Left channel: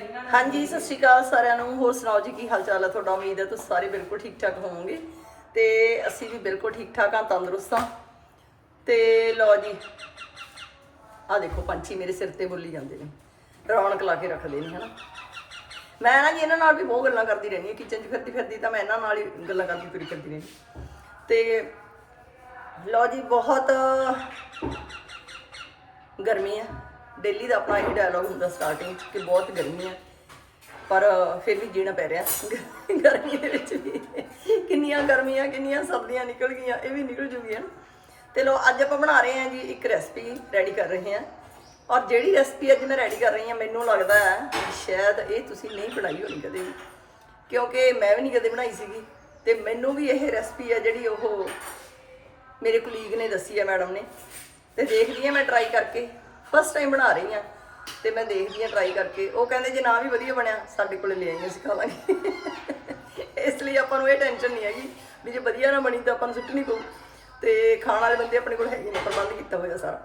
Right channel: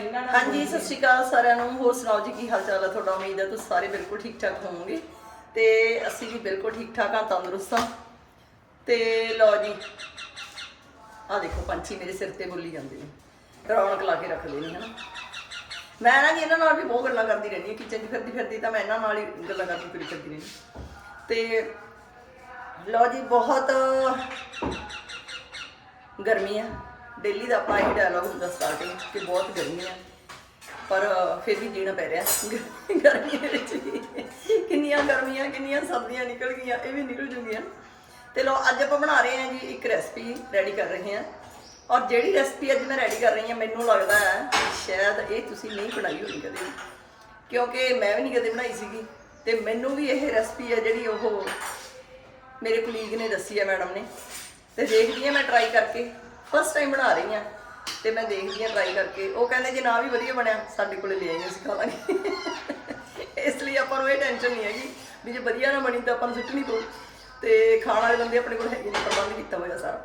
ਇਹਨਾਂ ਨਾਲ ਹਾਂਜੀ ਸਤਿ ਸ਼੍ਰੀ ਅਕਾਲ ਸਾਰਿਆਂ ਨੂੰ। ਹੋਰ ਸੁਣਾਓ ਜੀ ਕੀ ਹਾਲ ਚਾਲ ਹੈ ਤੁਹਾਡਾ? ਉਮੀਦ ਹੈ ਤੁਸੀਂ ਸਾਰੇ ਬਿਲਕੁਲ ਠੀਕ ਠਾਕ ਹੋਵੋਗੇ। ਤੇ ਅਸੀਂ ਵੀ ਬਿਲਕੁਲ ਠੀਕ ਠਾਕ ਹਾਂ ਤੰਦਰੁਸਤ ਹਾਂ। ਤੇ ਲਓ ਜੀ ਆ ਦੇਖੋ ਪੰਛੀ ਮੇਰੇ ਸਿਰ ਤੇ ਬੋਲੀ ਜਾਂਦੇ ਨੇ। ਰੌਣਕ ਲਾ ਕੇ ਰੱਖਦੇ ਨੇ ਹਨਾ। ਮੈਂ ਨਾ ਜੀ ਇਹਨਾਂ ਨਾਲ ਵੀ ਬਹੁਤ ਗੱਲਾਂ ਕਰਦੀ ਰਹਿੰਦੀ ਹਾਂ ਕਿਚਨ 'ਚ ਫਿਰਦੀ ਫਿਰਦੀ ਤਾਂ ਮੈਂ ਇਹਨਾਂ ਨਾਲ ਹੀ ਗੱਲਾਂ ਕਰਦੀ ਫਿਰੀ ਫਿਰਦੀ ਰਹਿੰਦੀ ਤੇ ਲਓ ਜੀ ਬਹੁਤ ਗਰਮੀ ਆ। ਡੇਲੀ ਦਾ ਆਪਣਾ ਇਹ ਡਾਇਲੌਗ ਹੁੰਦਾ ਸਟਾਰਟਿੰਗ ਕਿ ਬਹੁਤ ਗਰਮੀ ਹੈ। ਪਰ ਫਿਰ ਵੀ ਜੀਣਾ ਪੈ ਰਿਹਾ। ਗ- ਗਰਮੀ ਦੇ ਵਿੱਚ ਵੀ। ਕਿੰਨੀਆਂ ਗਰਮੀਆਂ, ਕਿੰਨੀਆਂ ਸਰਦੀਆਂ ਨਿਕਲ ਗਈਆਂ, ਇਹ ਵੀ ਨਿਕਲ ਜੂਗੀਆਂ। ਤੇ ਲੋ ਅੱਜ ਆਪਾਂ ਬਣਾ ਰਹੇ ਹਾਂ ਜੀ ਇੱਕ ਰੈਸਪੀ ਰੈਡੀ ਕਰ ਰਹੇ ਹਾਂ। ਔਰ ਜਿਹੜੀ ਰੈਸਪੀ ਅੱਜ ਮੈਂ ਰੈਡੀ ਕਰ ਰਹੀ ਹਾਂ, ਮੈਨੂੰ ਲੱਗਦਾ ਹੈ ਕਿ ਸ਼ਾਇਦ ਇਹ ਤੁਸੀਂ ਨਹੀਂ ਬਣਾਈ ਹੋਣੀ ਕਦੇ ਵੀ। ਕਿਉਂਕਿ ਮੈਂ ਵੀ ਨਹੀਂ ਕਦੇ ਬਣਾਈ ਸੀਗੀ। ਤੇ ਮੈਨੂੰ ਵੀ ਇਹ ਰੈਸਪੀ ਹੈ ਜਿਹੜੀ ਉਹ ਮੇਰੇ ਕੁਲੀਗ ਨੇ ਦੱਸੀ ਹੈ ਮੈਡਮ ਨੇ। ਤੇ ਦੇਖਦੀ ਹਾਂ ਮੈਂ ਟਰਾਈ ਕਰਕੇ। ਫਸਟ ਟਾਈਮ ਬਣਾ ਰਹੀ ਹਾਂ। ਤੇ ਮੈਂ ਦੇਖਦੀ ਹਾਂ ਟਰਾਈ ਕਰਕੇ। ਉਹ ਕਹਿੰਦੇ, ਜੇ ਨਾ ਵੀ ਵਧੀਆ ਬਣਿਆ, ਸਾਡੇ ਕੋਲੇ ਲੈ ਆਈਏ ਖਾ ਲਾਂਗੇ। ਇਸ ਲਈ ਆਪਾਂ ਨੂੰ ਇਹ ਟੈਨਸ਼ਨ ਨਹੀਂ ਹੈਗੀ ਵੀ ਜੇ ਵਧੀਆ ਨਾ ਬਣੀ ਤਾਂ ਆਪਾਂ ਨੂੰ ਸੁੱਟਣੀ ਪਊ। ਤੇ ਖਾਣ ਵਾਲੇ ਬੰਦੇ ਆਪਣੇ ਕੋਲ ਹੈਗੇ ਨੇ, ਪ੍ਰਬੰਧ ਕੀਤਾ ਹੋਇਆ ਸਾਰਾ।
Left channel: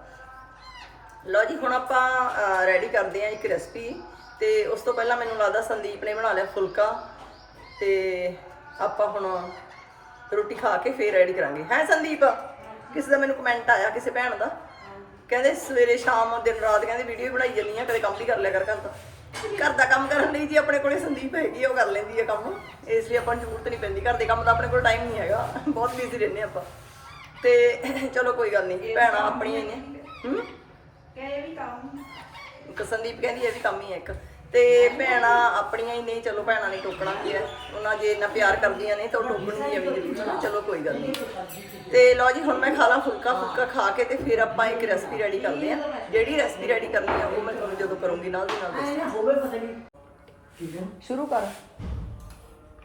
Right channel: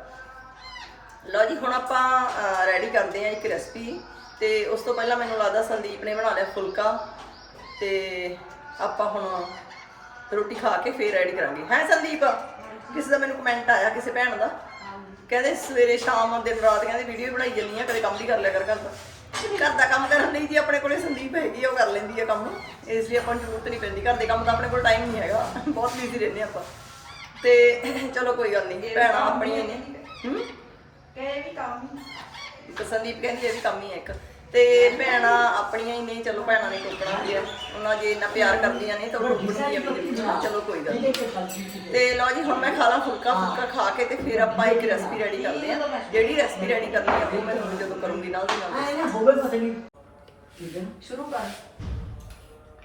ਲਓ ਜੀ, ਹੁਣ ਆਪਾਂ ਰੈਡੀ ਕਰਦੇ ਹਾਂ ਇੱਕ ਰੈਸਪੀ ਤੇ ਉਸ ਤੋਂ ਪਹਿਲਾਂ ਮੈਨੂੰ ਲੱਗਦਾ ਸੰਦੀਪ ਨੇ ਬਣਾ ਲਿਆ ਫੁਲਕਾ। ਤੇ ਆਪਾਂ ਹੁਣ ਰੋਟੀ ਖਾ ਕੇ ਫੇਰ ਰੈਡੀ ਕਰਾਂਗੇ। ਹੈ ਸੰਦੀਪ? ਕਿਸੇ ਦਾ ਮੈਨੂੰ ਕਮੈਂਟ ਆਇਆ, ਕਿਸੇ ਭੈਣ ਦਾ? ਕਹਿੰਦੇ ਸਵੇਰੇ ਸ਼ਾਮ ਦਿਨ ਰਾਤ ਕਹਿੰਦੇ ਵੀਡੀਓ ਬਣਾਈ ਜਾਂਦੀ ਆ ਕਦੇ ਕੰਮ ਵੀ ਕਰ ਲਿਆ ਕਰ ਘਰ ਦਾ। ਘਰ ਦਾ ਕੰਮ ਕਰਨ ਲਈ ਜੀ ਆਪਣੇ ਕੋਲੇ ਸੰਦੀਪ ਹੈਗੀ ਆ ਉਹ ਕਰ ਲੈਂਦੀ ਆ ਕੰਮ। ਇਸ ਲਈ ਆਪਾਂ ਨੂੰ ਜ਼ਰੂਰਤ ਨਹੀਂ ਪੈਂਦੀ ਘਰ ਦੇ ਕੰਮ ਦਾ ਆਪਣੇ ਕੋਲ ਟਾਈਮ ਨਹੀਂ ਹੈਗਾ। ਬਹੁਤ ਬਿਜ਼ੀ ਰਹਿੰਦੇ ਆਪਾਂ। ਤੇ ਚਲੋ ਕੋਈ ਗੱਲ ਨਹੀਂ ਭੈਣਾਂ ਆਪਣੀਆਂ ਹੀ ਨੇ। ਹੂੰ? ਇਹ ਵੀ ਕੰਮ। ਇੱਕ ਸੰਦੀਪ ਕਹਿੰਦੀ ਇਹ ਵੀ ਕੰਮ ਹੀ ਹੈ ਇੱਕ। ਤੇ ਭੈਣਾਂ ਆਪਣੀਆਂ ਹੀ ਨੇ ਚਲੋ ਭੈਣਾਂ ਨੇ ਟੋਕਣਾ ਵੀ ਹੈ। ਉਹਨਾਂ ਜੇ ਇੰਨਾ ਪਿਆਰ ਕਰਦੀਆਂ ਨੇ ਤਾਂ ਉਹ ਟੋਕਣਗੀਆਂ ਵੀ ਜ਼ਰੂਰ ਚਲੋ ਕੋਈ ਗੱਲ ਨਹੀਂ। ਤੇ ਲਓ ਜੀ ਹੁਣ ਮੈਂ ਖਾ ਲਾਂ ਫੁਲਕਾ ਫੁਲਕਾ ਖਾ ਕੇ ਤੇ ਫਿਰ ਆਪਾਂ ਇੱਕ ਰੈਸਪੀ ਰੈਡੀ ਕਰਦੇ ਹਾਂ। ਜਿਹੜੀ ਰੈਸਪੀ ਰੈਡੀ ਕਰਨੀ ਆ ਉਹ ਮੈਂ ਤੁਹਾਨੂੰ ਜਦੋਂ ਕਰੂੰਗੀ ਨਾਲ ਦੀ ਨਾਲ ਦੱਸਾਂ ਹੋਵੇ ਪਤਾ ਨਹੀਂ। ਠੀਕ ਹੈ। ਸ਼ੁਰੂ ਕਰ।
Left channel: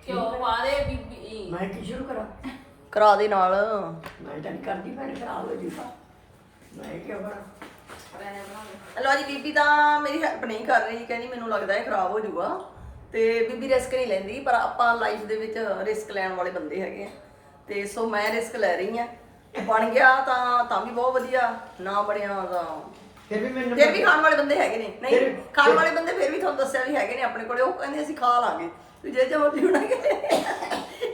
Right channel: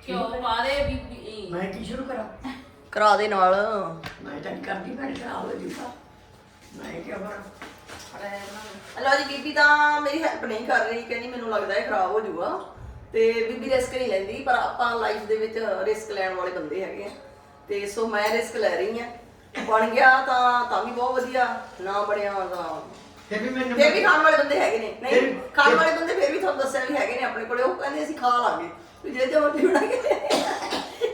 ਕਿਉਂ? ਪਾਦੇ ਬੀਬੀ ਮੈਂ ਕੀ ਸ਼ੁਰੂ ਕਰਾਂ? ਕਰਾ ਦੇ ਨਾਲ। ਮੈਂ ਤਾਂ ਕਰਦੀ ਮੈਂ ਖਰਾਬ ਹੋ ਜੂਗਾ ਮੈਂ ਕੀ ਕਰਾਂ? ਲਓ ਜੀ ਬੀਬੀ ਤਾਂ ਮੇਰੀ ਹੈਲਪ ਨਹੀਂ ਕਰ ਰਹੀ ਕਹਿੰਦੀ ਮੈਨੂੰ ਲੱਗਦਾ ਹੈ ਖਰਾਬ ਹੋ ਜਾਊਗਾ। ਤੇ ਬੀਬੀ ਰਿਸਕ ਨਹੀਂ ਲੈਂਦੀ ਪਰ ਆਪਾਂ ਲਾਈਫ ਦੇ ਵਿੱਚ ਰਿਸਕ ਲੈਣ ਵਾਲੇ ਬੰਦੇ ਹੈਗੇ ਆ। ਤੇ ਸੋ ਮੈਂ ਰਿਸਕ ਲੈ ਰਹੀ ਆ। ਬਣ ਗਿਆ ਤਾਂ ਤਾਂ ਵੀ ਬਹੁਤ ਵਧੀਆ ਨਾ ਬਣਿਆ ਤਾਂ ਫਿਰ ਵੀ ਮੈਨੂੰ ਫਿਰ ਵੀ ਖਾਣ ਵਾਲੇ ਬੰਦੇ ਹੈਗੇ ਨੇ। ਨਹੀਂ ਫਿਰ- ਖਾਣ ਵਾਲੇ ਬੰਦੇ ਫਿਰ ਵੀ ਤੁਹਾਨੂੰ ਦੱਸਿਆ ਵੀ ਹੈਗੇ ਨੇ ਆਪਣੇ ਕੋਲੇ ਉਹ ਕਹਿੰਦੇ ਅਸੀਂ ਖਾ ਲਾਂਗੇ। ਵੀ ਜੇ ਜੋ ਬਣਾਗੇ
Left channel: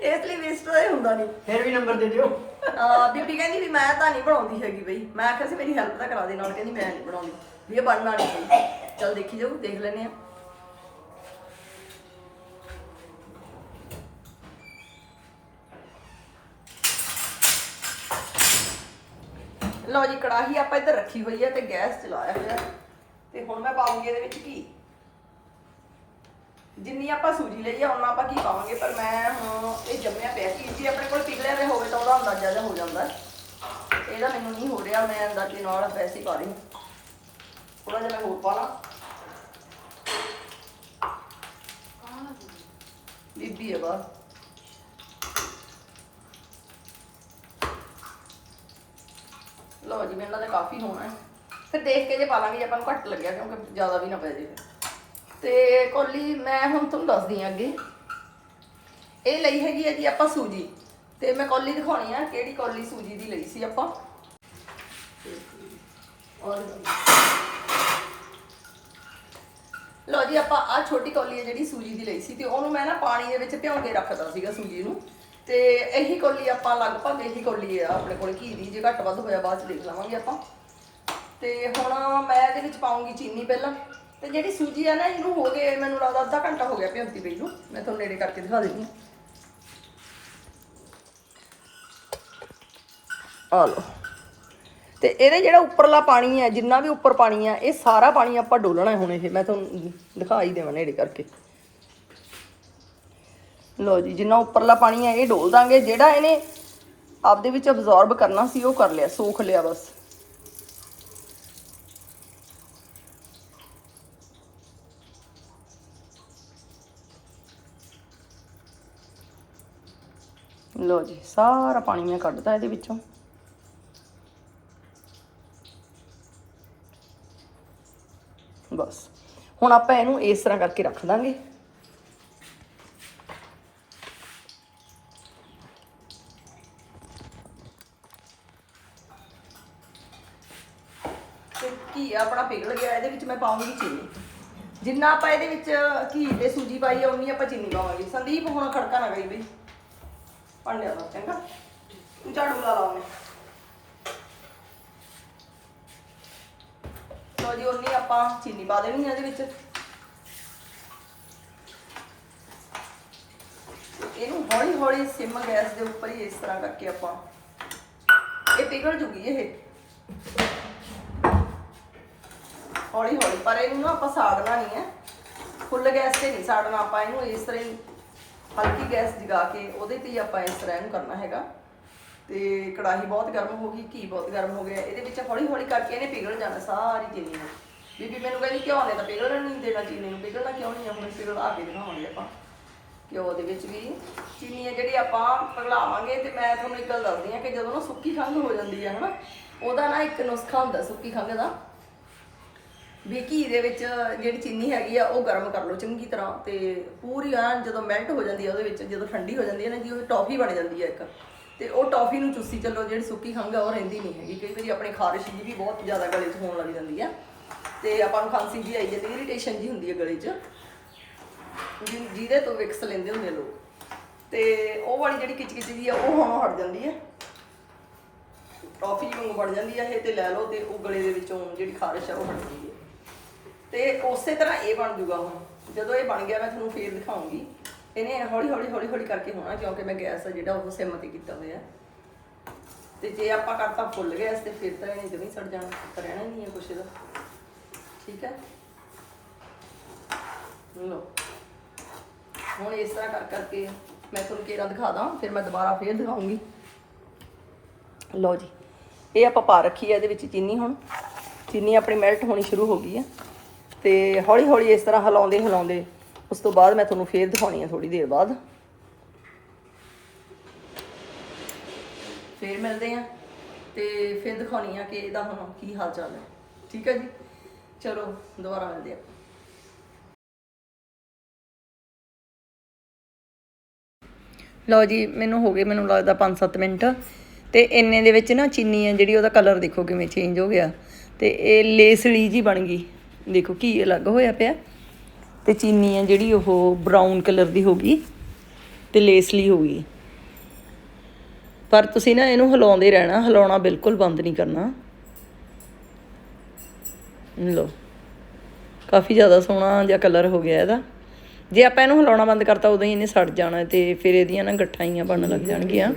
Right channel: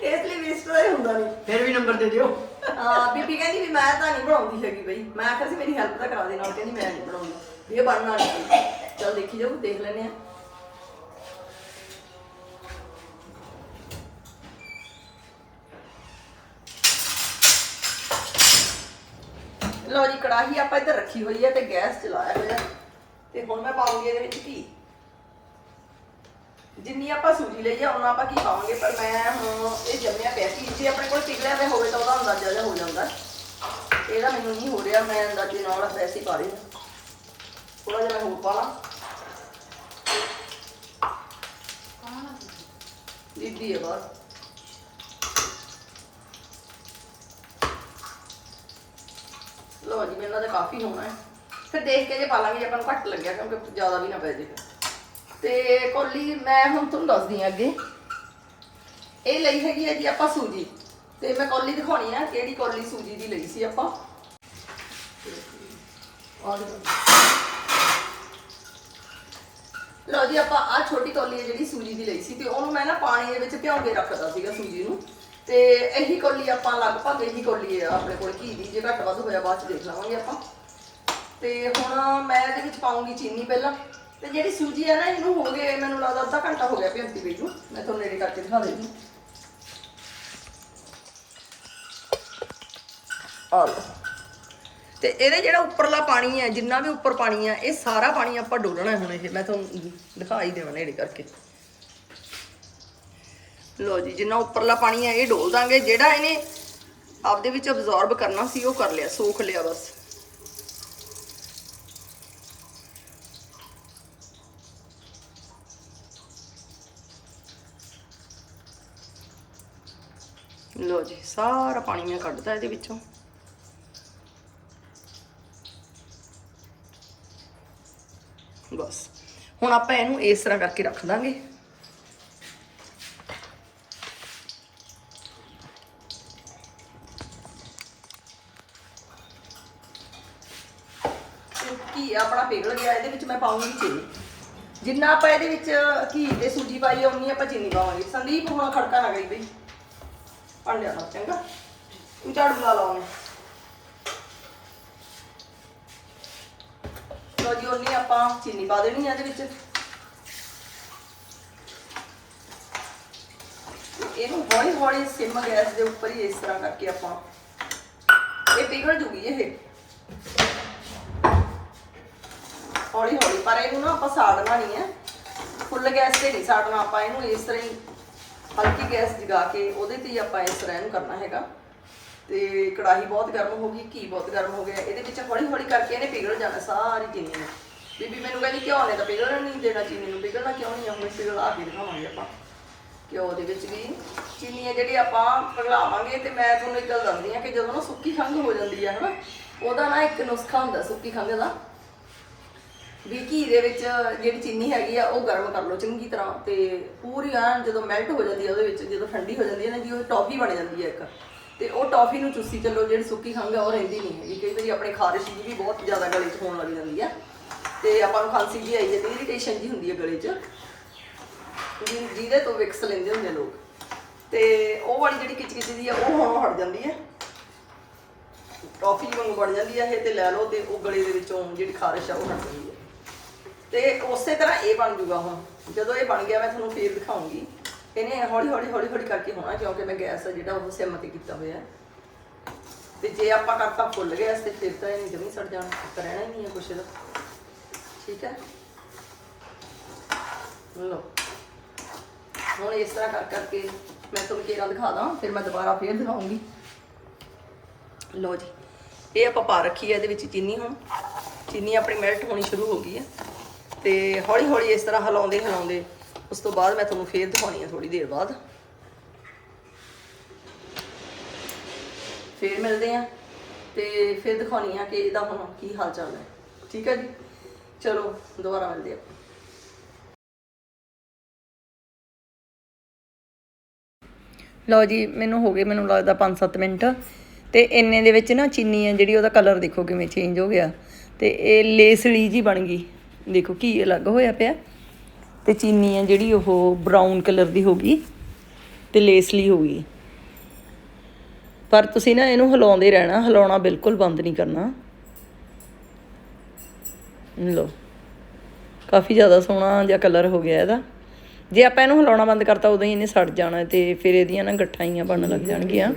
ਇਸ ਲਈ ਵੇਸਟ ਤਾਂ ਇਹ ਹੁੰਦਾ ਨਹੀਂ। ਫਿਰ ਵੀ ਨੰਬਰ ਦੇ ਦਿਓ। ਆ ਬੀਬੀ ਕਹਿੰਦੀ ਵੀ ਮੈਂ ਤਾਂ ਨਹੀਂ ਬਣਾਉਂਦੀ ਹੈਗੀ ਬਈ। ਮੈਂ ਆਖਿਆ ਸੀ ਮੇਰੀ ਹੈਲਪ ਤਾਂ ਕਰਾ ਦੇ ਨਾਲ ਕਹਿੰਦੀ ਮੈਂ ਨਹੀਂ ਬਣਾਉਂਦੀ। ਵੀ ਇਹ ਬਣਨਾ ਨਹੀਂ ਚਲ ਦੇਖੀ ਜਾਓ ਦੇਖ ਲੈਨੇ ਆ ਲਓ ਜੀ, ਕੜਾਹੀ ਆਪਾਂ ਇੱਧਰ ਰੱਖੀ ਹੋਈ ਹੈ ਤੇ ਗੈਸ ਚਲਾਇਆ ਹੋਇਆ ਤੇ ਹੁਣ ਮੈਂ ਪਾਉਂਗੀ ਇਹਦੇ ਵਿੱਚ ਘੀ ਜਿੰਨੀ ਆਪਾਂ ਸੂਜੀ ਲਈ ਆ ਉਹਨਾਂ ਆਪਾਂ ਕੀ ਪਾਵਾਂਗੇ? ਪਰ ਮੈਂ ਹੁਣ ਇਹ ਜੰਮਿਆ ਪਿਆ ਕਿ ਜੇ ਆਪਣੇ ਕੋਲ ਪਿਘਲਿਆ ਹੋਇਆ ਹੋਵੇ ਤਾਂ ਉਹਦਾ ਅੰਦਾਜ਼ਾ ਜਿਹਾ ਹੋ ਜਾਂਦਾ। ਇਹਦਾ ਮੈਨੂੰ ਨਹੀਂ ਹੋ ਰਿਹਾ, ਮੈਂ ਅੰਦਾਜ਼ੇ ਨਾਲ ਵੈਸੇ ਹੀ ਪਾ ਰਹੀ ਹਾਂ। ਥੋੜਾ ਜਿਹਾ ਮੈਂ ਹੋਰ ਪਾ ਲਾਂ ਬੀਬੀ ਹੈ ਬਸ ਲਓ ਜੀ ਮੈਨੂੰ ਲੱਗਦਾ ਕਾਫੀ ਹੋਣਾ ਹੈ ਫਿਰ ਦੇਖ ਕੇ ਜੇ ਪਾ ਲਾਂਗੇ ਜੇ ਆਪਾਂ ਨੂੰ ਘੱਟ ਲੱਗਿਆ ਕਿਉਂਕਿ ਜ਼ਿਆਦਾ ਵੀ ਨਾ ਪੈ ਜੇ ਤੇ ਕੋਲੀ ਮੈਂ ਹੁਣ ਤੁਹਾਨੂੰ ਦੱਸਦੀ ਹਾਂ ਅੱਗੇ ਇਹ ਲਈ ਹੈਗੀ ਹੈ ਜੀ ਆਪਾਂ ਸੂਜੀ ਤੇ ਮੈਂ ਕੋਲੀ ਦਿਖਾਉਣੀ ਆ ਕਿਹੜੀ ਕੋਲੀ ਸੂਜੀ ਦੀ ਲਈ ਸੀ ਆਪਾਂ ਔਰ ਲਓ ਜੀ, ਆਪਾਂ ਆ ਛੋਟੀ ਕੌਲੀ ਹੈ ਜਿਹੜੀ ਸੂਜੀ ਦੀ ਲਈ ਸੀ ਤੇ ਉਹਨੂੰ ਮੈਂ ਨਾ ਪਾਣੀ ਦੇ ਵਿੱਚ ਭਿਉਂ ਕੇ ਰੱਖਦਾ ਸੀਗਾ ਸੂਜੀ ਨੂੰ। ਤੇ ਇਹੀ ਕੌਲੀ ਆਪਾਂ ਲਗਭਗ ਇਹੀ ਕੌਲੀ ਆ ਆਪਣੇ ਕੋਲ ਘੀ ਦੀ, ਜੇ ਘੱਟ ਵੱਧ ਹੋਇਆ ਬਾਅਦ ਚ ਦੇਖ ਲਵਾਂਗੇ ਆਪਾਂ। ਤੇ ਹੁਣ ਮੈਂ ਇਹਦੇ ਵਿੱਚ ਪਾਉਂਗੀ ਚੀਨੀ ਪਹਿਲਾਂ। ਤੇ ਜਿਹੜੀ ਸੂਜੀ ਹੈ ਨਾ, ਇਹਨੂੰ ਹੋ ਗਏ, ਮੈਨੂੰ ਲੱਗਦਾ ਅੱਧਾ ਘੰਟਾ ਹੋ ਗਿਆ ਭਿਉਂਤੀ ਪਈ ਨੂੰ। ਮੈਂ ਤੁਹਾਨੂੰ ਨੇੜੇ ਕਰਕੇ ਦਿਖਾ ਦਿੰਦੀ ਹਾਂ। ਆ ਲਓ। ਤੇ ਇਹਦੇ ਜਿਹੜਾ ਉੱਪਰਲਾ ਪਾਣੀ ਹੈ, ਜਿੰਨਾ ਵੀ ਉੱਪਰ ਪਾਣੀ ਹੈ, ਇਹ ਸਾਰਾ ਪਾਣੀ ਆਪਾਂ ਡੋਲਣਾ ਹੁਣ ਇਹ। ਮੈਂ ਤੁਹਾਨੂੰ ਦਿਖਾ ਹੀ ਦੇਵਾਂ ਨੇੜੇ ਕਰਕੇ। ਲੋ ਜੀ, ਜਿੰਨਾ ਉੱਪਰਲਾ ਪਾਣੀ ਹੈ, ਇਹ ਡੋਲ ਦਾਂਗੇ। ਜਿਹੜਾ ਇਹਨੇ ਆਪਦੇ ਵਿੱਚ ਅਬਜ਼ੌਰਬ ਕਰਨਾ ਸੀ, ਉਹ ਕਰ ਲਿਆ, ਸੋਖ ਲਿਆ ਬਸ। ਲੋ ਜੀ, ਸਾਰਾ ਪਾਣੀ ਮੈਂ ਕੱਢਦਾ ਇਹਦੇ ਵਿੱਚੋਂ। ਬਸ। ਹੁਣ ਆਪਾਂ ਇਹਨੂੰ ਇਸ ਤਰ੍ਹਾਂ ਕਰਕੇ ਰੱਖ ਦਾਂਗੇ। ਤੇ ਕੀ ਆਪਣਾ ਪਿਘਲ ਗਿਆ, ਇਹਦੇ ਵਿੱਚ ਮੈਂ ਪਾਉਂਗੀ ਚੀਨੀ। ਜਿੰਨਾ ਆਪਾਂ ਇਹਦੇ ਵਿੱਚ ਘੀ ਤੇ ਸੂਜੀ ਪਾਈ ਆ, ਉਨੀ ਆਪਾਂ ਚੀਨੀ ਪਾਵਾਂਗੇ। ਸੰਦੀਪ, ਹੁਣ ਖੜਕਾ ਨਾ ਗਈ ਬਈ। ਪਣ ਲਿਆ ਚੰਗਾ? ਤੂੰ ਝਾੜੂ ਲਾ ਲਾ ਉਹਨੇ ਲੋ ਜੀ ਉਨੀ ਆਪਾਂ ਚੀਨੀ ਪਾ ਦੇਣੀ ਆ ਇਹਦੇ ਵਿੱਚ। ਇਹਨੂੰ ਹੌਲੀ ਹੌਲੀ ਸਿਮ ਗੈਸ ਦੇ ਉੱਪਰ ਹੀ ਇਸ ਤਰ੍ਹਾਂ ਕਰਕੇ ਆਪਾਂ ਇਹ ਪਿਘਲ ਜੂਗੀ ਇਹ। ਹੌਲੀ ਹੌਲੀ, ਪਰ ਇਹਨੂੰ ਨਾ ਆਪਾਂ ਸਾੜਨਾ ਨਹੀਂ ਹੈ ਫੁੱਲ ਗੈਸ ਤੇ ਨਹੀਂ ਸਾੜਨਾ ਆਪਾਂ, ਇਹਨੂੰ ਇਸ ਤਰ੍ਹਾਂ ਹੀ ਹਲਕੀ ਗੈਸ ਜਗਾ ਕੇ ਉਹਦੇ ਤੇ ਹੀ ਆਪਾਂ ਇਸ ਤਰ੍ਹਾਂ ਇਹਨੂੰ ਕਰਨਾ ਹੈਗਾ। ਤੇ ਕੜਾਹੀ ਬਹੁਤ ਗਰਮ ਹੋ ਗਈ, ਘੀ ਬਹੁਤ ਗਰਮ ਹੋ ਗਿਆ, ਇਹਦੇ ਵਿੱਚ ਹੌਲੀ ਹੌਲੀ ਕਰਕੇ ਇਹਨੇ ਪਿਘਲ ਜਾਣਾ ਸਾਰੀ ਚੀਨੀ ਨੂੰ। ਬੀਬੀ ਮੈਨੂੰ ਕਹਿੰਦੀ, ਘਿਓ ਨੇ ਤਾਂ ਪਿਘਲਣ ਨਹੀਂ ਦੇਣਾ ਚੀਨੀ ਨੂੰ ਪਿਘਲਣਾ ਕਿਉਂ ਨਹੀਂ ਹੁਣ ਪਿਘਲ ਕੇ ਦਿਖਾਵਾਂਗੇ ਆਪਾਂ। ਘਿਓ ਦੇ ਵਿੱਚ ਵੀ ਚੀਨੀ ਹੈ ਜਿਹੜੀ ਆਪਾਂ ਪਿਘਲਾਵਾਂਗੇ ਤੇ ਮੈਂ ਤੁਹਾਨੂੰ ਇੱਕ ਗੱਲ ਦੱਸਦੀ ਆ ਕਿ ਜਦੋਂ ਨਾ ਸੁੱਕੀ ਖੰਘ ਹੋ ਜਾਂਦੀ ਹੈ ਹਨਾ, ਉਹਦਾ ਨਾ ਇੱਕ ਨੁਸਖਾ ਹੁੰਦਾ ਸੁੱਕੀ ਖੰਘ ਦਾ ਵੀ ਘੀ ਦੇ ਵਿੱਚ ਜਿਹੜੀ ਚੀਨੀ ਹੈਗੀ ਆ, ਉਹ ਗਰਮ ਕਰ ਲਓ ਚੰਗੀ ਤਰ੍ਹਾਂ ਤੇ ਪੂਰੀ ਐਨ ਜਦੋਂ ਮੈਲਟ ਹੋ ਜਾਂਦੀ ਆ ਉਹਦੇ ਵਿੱਚ, ਜਦੋਂ ਠੰਡੀ ਹੋ ਜਾਂਦੀ ਹੈ ਨਾ ਜੀ, ਉਹ ਟੌਫੀ ਬਣ ਜਾਂਦੀ ਹੈ ਇੱਕ। ਤੇ ਉਹ ਟੌਫੀ ਨੂੰ ਚੂਸੀ ਚੱਲੋ, ਜਿਹੜੀ ਸੁੱਕੀ ਖੰਘ ਆ, ਉਹ ਰਹਿੰਦੀ ਨਹੀਂ ਹੈਗੀ। ਕਈ ਵਾਰੀ ਆਪਣੇ ਖਾਰਿਸ਼ ਜੀ ਵੀ ਬਹੁਤ ਜ਼ਿਆਦਾ ਗਲੇ 'ਚ ਹੋਣ ਲੱਗ ਜਾਂਦੀ ਹੈ ਤੇ ਆਪਾਂ ਨੂੰ ਖਾਂਸੀ ਜੀ ਆਈ ਹੈ ਤੇ ਇਰੀਟੇਸ਼ਨ ਜੀ ਹੁੰਦੀ ਹੈ ਗਲੇ 'ਚ। ਜਿ- ਜਿਹਦੇ ਤੋਂ ਵਿਕਸ ਲੈਂਦੇ ਹੁੰਦੇ ਲੋਕ। ਤੇ ਉਹ ਵਾਲੀ ਜਿਹੜੀ ਕਿਚਕਿਚ ਦੀ ਆ ਉਹ ਹੁਣ ਹਟ ਜਾਂਦੀ ਹੈ। ਟੌਫੀ ਵਾਂਗੂ ਬਣ ਜਾਂਦੀ ਹੈ ਇਹ ਤੇ ਲੈ ਲਓ ਤੇ ਉਹ ਗਲੇ ਦੇ ਵਿੱਚੋਂ ਜਿਹੜੀ ਖਾਰਸ਼ ਆ ਉਹ ਹਟ ਜਾਂਦੀ ਹੈ। ਤੇ ਉਸੇ ਤਰ੍ਹਾਂ ਇਹ ਬਣ ਜੂਗਾ ਹੁਣ। ਜਦੋਂ ਇਹ ਬਣ ਗਿਆ, ਮੈਂ ਤੁਹਾਨੂੰ ਫੇਰ ਦਿਖਾਉਂਗੀ। ਇਹਨੇ ਹੌਲੀ ਹੌਲੀ ਹੌਲੀ ਹੌਲੀ ਕਰਕੇ ਹੋਣਾ, ਕਿਉਂਕਿ ਮੈਂ ਗੈਸ ਜਿਹੜਾ ਉਹ ਸਿਮ ਤੇ ਕੀਤਾ ਹੋਇਆ। ਤੇ ਜੇ ਆਪਾਂ ਕਰਤਾ ਫੁੱਲ ਗੈਸ ਤੇ ਫਿਰ ਤਾਂ ਇਹਨੇ ਜਮੀ ਸੜ ਜਾਣਾ ਤਾਂ ਰਹਿਣਾ ਹੀ ਨਹੀਂ ਹੈ ਕੁਛ ਇਹਦਾ। ਠੀਕ ਹੈ? ਲਓ। ਹੁਣ ਇਸ ਤਰ੍ਹਾਂ ਕਰ ਕਰਕੇ ਮੈਂ ਤੁਹਾਨੂੰ ਕੇਰਾਂ ਦਿਖਾ ਦਾਂ, ਫਿਰ ਮੈਂ ਦੁਬਾਰਾ ਫੇਰ ਦਿਖਾਉਂਗੀ। ਲਓ ਜੀ, ਇਹ ਆਪਾਂ ਪਾ ਰੱਖੀ ਹੈ ਇਹਦੇ ਵਿੱਚ ਚੀਨੀ ਹੁਣ। ਚੀਨੀ ਆਪਣੀ ਮੈਲਟ ਹੋਣੀ ਸ਼ੁਰੂ ਹੋ ਗਈ ਹੈ। ਤੇ ਹੌਲੀ ਹੌਲੀ ਇਸ ਤਰ੍ਹਾਂ ਹਿਲਾਉਂਦੇ ਹਿਲਾਉਂਦੇ ਉਸ ਤੋਂ ਬਾਅਦ ਮੈਂ ਤੁਹਾਨੂੰ ਫੇਰ ਦਿਖਾਉਣੀ ਹੈ ਥੋੜੀ ਦੇਰ ਬਾਅਦ। ਫੇਰ ਮਿਲਦੇ ਆ ਤੇ ਫਿਰ ਦਿਖਾਉਣੀ ਆ ਕਿ ਇਹਦਾ ਹੁਣ ਕੀ ਹਾਲ ਚਾਲ ਹੈ। ਠੀਕ ਹੈ ਜੀ? ਚਲੋ, ਦੁਬਾਰਾ ਮਿਲਦੇ ਆ ਲਓ ਜੀ, ਮੈਨੂੰ ਹੋ ਗਏ, ਮੈਨੂੰ ਲੱਗਦਾ 5-7 ਮਿੰਟ। ਤੇ ਇੰਨੇ ਦੇ ਵਿੱਚ ਨਾ ਚੀਨੀ ਹੈ ਜਿਹੜੀ ਉਹਦਾ ਕਲਰ ਦੇਖੋ ਕਿਵੇਂ ਚੇਂਜ ਹੋ ਗਿਆ। ਤੇ ਇਹ ਲੇਸਲੀ ਜੀ ਬਣ ਗਈ। ਦੇਖੋ ਕੀ ਅਲੱਗ ਹੋਇਆ ਪਿਆ। ਤੇ ਚੀਨੀ ਹੈ ਜਿਹੜੀ ਉਹ ਬਰਾਊਨ ਕਲਰ ਦੀ ਹੋ ਗਈ ਤੇ ਲੇਸਲੀ ਹੋ ਗਈ। ਪਰ ਤੁਸੀਂ ਨਾ ਇਹਨੂੰ ਹਿਲਾਉਂਦੇ ਰਹਿਣਾ, ਹਿਲਾਉਣਾ ਬਿਲਕੁਲ ਬੰਦ ਨਹੀਂ ਕਰਨਾ। ਲਓ। ਕਾਫੀ ਜ਼ਿਆਦਾ ਸੋਹਣਾ ਜਿਹਾ ਕਲਰ ਹੋ ਗਿਆ ਇਹਦਾ। ਜੇ ਆਪਾਂ ਇਹਨੂੰ ਹਿਲਾਉਣਾ ਬੰਦ ਕਰਤਾ, ਉਦੋਂ ਹੀ ਇਹਨੇ ਸੜ ਜਾਣਾ ਤੇ ਫਿਰ ਇਹਦੀਆਂ ਨਾ ਗੱਠਾਈਆਂ ਬਣਨ ਲੱਗ ਜਾਣਗੀਆਂ।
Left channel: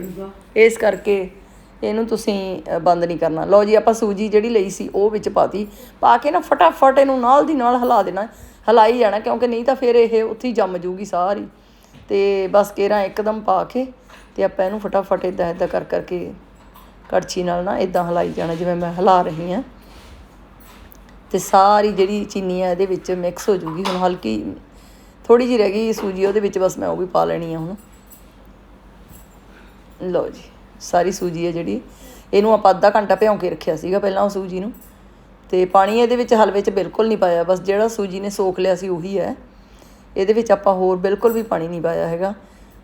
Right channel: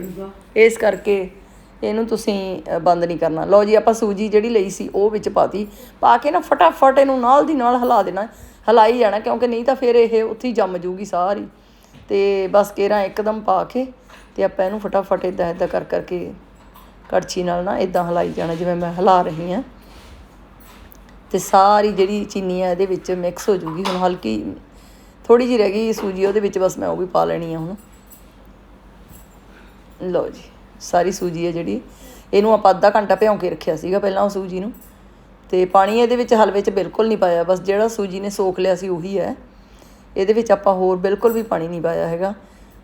ਇਸ ਕਰਕੇ ਇਹਨੂੰ ਤੁਸੀਂ ਬੰਦ ਨਹੀਂ ਕਰਨਾ। ਲਓ ਜੀ, ਆਪਾਂ ਸੂਜੀ ਜਿਹੜੀ ਲਈ ਸੀ, ਉਹ ਵਿੱਚ ਪਾਤੀ। ਪਾ ਕੇ ਨਾ ਫਟਾਫਟ ਇਹਨੂੰ ਨਾਲ ਦੀ ਨਾਲ ਹਿਲਾ ਦੇਣਾ। ਹਿਲਾਈ ਜਾਣਾ, ਕਿਉਂਕਿ ਨਹੀਂ ਤਾਂ ਫਿਰ ਇਹ ਉੱਥੇ ਹੀ ਜੰਮ ਜੂਗੀ ਸਾਰੀ। ਤੇ ਬਸ ਕੇਰਾਂ ਇੱਕਦਮ ਪਾ ਕੇ ਤੇ ਆਪਾਂ ਇਹਨੂੰ ਫਟਾਫਟ ਇਦਾਂ ਇਦਾਂ ਕਰ ਕਰਕੇ ਕੜਛੀ ਨਾਲ ਨਾ ਇਦਾਂ ਹਿਲਾਈ ਜਾਣਾ, ਜਿਵੇਂ ਮੈਂ ਹਿਲਾ ਰਹੀ ਹਾਂ। ਅਤੇ ਸਾਰੀ ਜਿਹੜੀ ਚੀਨੀ ਆ ਇਹਦੇ ਵਿੱਚ ਮਿਕਸ ਹੋ ਜੂਗੀ। ਹੁਣ ਹਲਕੀ ਥੋੜੀ ਜਿਹੀ ਰਹਿ ਗਈ ਸੂਜੀ, ਉਹਦੇ ਵਿੱਚ ਬਸ ਮੈਂ ਉਹ ਵੀ ਪਾ ਲੈਣੀ ਆ ਹੁਣ। ਲਓ ਜੀ, ਸਾਰੀ ਸੂਜੀ ਹੈ ਜਿਹੜੀ। ਇਹਨੂੰ ਆਪਾਂ ਅੱਧਾ ਘੰਟਾ ਭਿਉਂ ਕੇ ਰੱਖਿਆ ਸੀਗਾ ਪਹਿਲਾਂ ਉਹ ਸੂਜੀ ਨੂੰ। ਤੇ ਪਾਣੀ ਇਹਦੇ ਵਿੱਚ ਹਲਵੇ 'ਚ ਬਿਲਕੁਲ ਨਹੀਂ ਪਾਇਆ। ਬਸ ਜਿਹੜਾ ਸੂਜੀ ਨੇ ਸੋਖ ਲਿਆ ਸੀ ਉਹੀ ਹੈ। ਇਹਦੇ ਵਿੱਚ ਆਪਾਂ ਹੋਰ ਬਿਲਕੁਲ ਵੀ ਪਾਣੀ ਨਹੀਂ ਪਾਇਆ ਹੈਗਾ।